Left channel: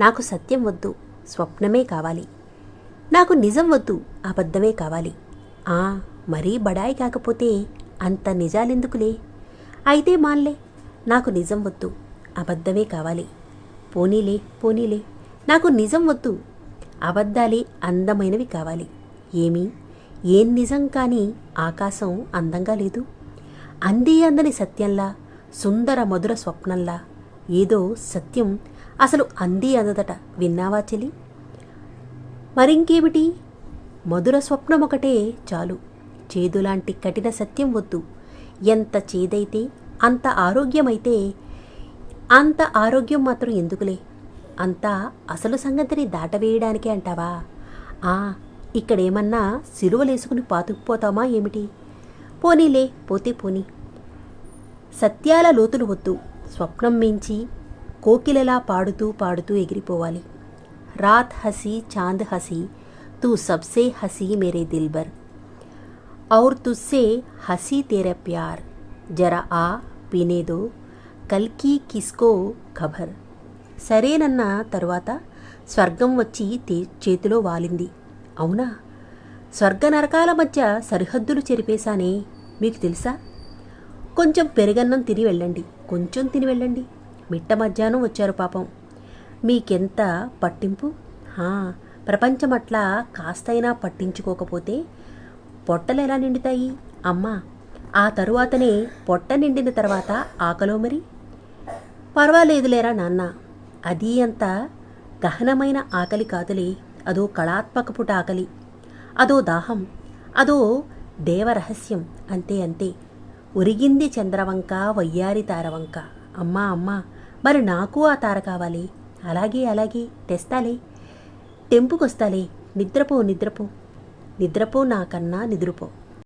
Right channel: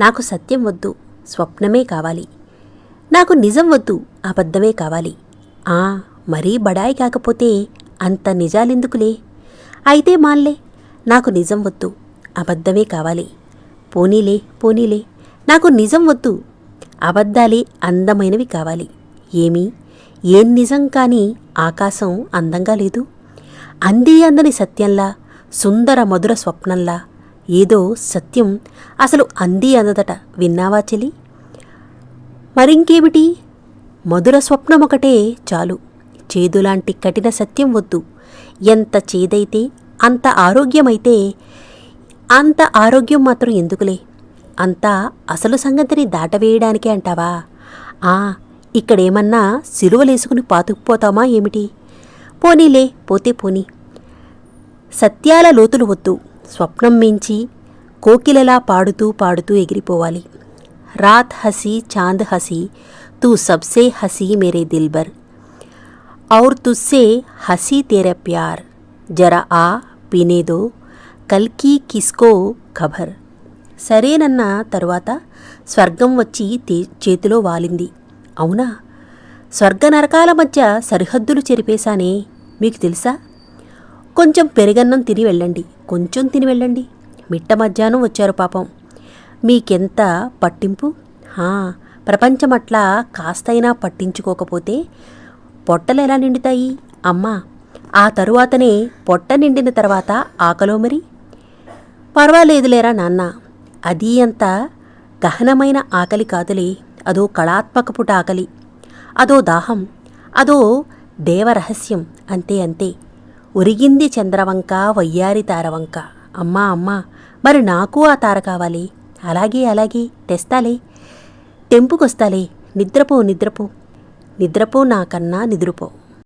నాకు సత్యం వద్దు స్వప్నమే కావాలి. నాకు నిజం వద్దు అబద్ధమే కావాలి. ఆ మరీ బడాయి కాకపోతే అంత నిజాలెందుకులే? అయితే మాన్లే నాకు నిజం వద్దు అబద్ధమే కావాలి. పోనీలే పోనీలే నాకు నిజం వద్దు అబద్ధాలే అందమైనవి కావాలి. ఏమి? ఏం నిజం కాని ఆకాశం అందంగా లేదు. అందే అందని సత్యంలా సుందర మధుర స్వప్నంలా ఏదో సత్యం అసలు అంది అందదట విన్నావా చెలి మరింకేమిటి? మధుర స్వప్నం ఒకటే చాలు. చేదులాంటి కఠిన సత్యం వద్దు. ఎంత చేదైతే అంత ఆరోగ్యమైతే అంత ఆరోగ్యం మాత్రం ఎందుకులే? అంతా అసలు సంగతిని దాటవేయడానికే అంటావా? ఆ ఇక్కడేమన్నా సిలువలేసుకుని పాతుకుపోతామా ఏమిటి? పోనీలే పోతే పోనీ. సత్యాల లోతులు వద్దు. స్వప్నం మించి కోకిలలా పాడుతూ పాడుతూ ఎగిరిపోవాలి. రాత్ హసీ చాంద్ హసీ తూ సబ్సే హసీ మేరే దిల్బర్. ఔర్ తుస్సే హసీ తేరా ప్యార్ జరా ఆ పీనే దో కల్కి కిస్కో ఖబర్. సరేనన్న తరువాత స్వర్గం వచ్చి చేతిలో వాలింది. అవునా? స్వర్గ నరకాల మధ్య సరిహద్దులు చెరిపేశానే మీకు తెలుసా? కొంచెం పెరుగన్నం తిని వెళ్ళండి. కొంచెం తిని వెళ్ళండి. మిట్ట మధ్యాహ్నం వచ్చారు పాపం. మీకెంత పట్టింపు? హా, ప్రపంచమట్లా కాస్తైనా పట్టించుకోకపోతే పొట్టలు ఎలా నిండుతాయి? అమ్మా ఆ తరువాతనే పొట్ట నిండిన తర్వాత ఆకలో మరి? పర్వాలేదులేరా నాన్న. అది అంత గహనమైన ఆకలి కాదులే. అదో కళాత్మకపుట ఆకలి. అదో దాహం. అదో దేవరహస్యం అంతే అంతే. ఉరిగింది చంద్రవంక వయ్యారి తారవంక. అమ్మా అమ్మా మరి నాకు ఆ తార కావాలి? అలాగే అలాగే తెస్తాలే. టెంపుకొస్తాలే. నిద్రపో నిద్రపో. నిద్రపో నాకన్నా నిద్రపో.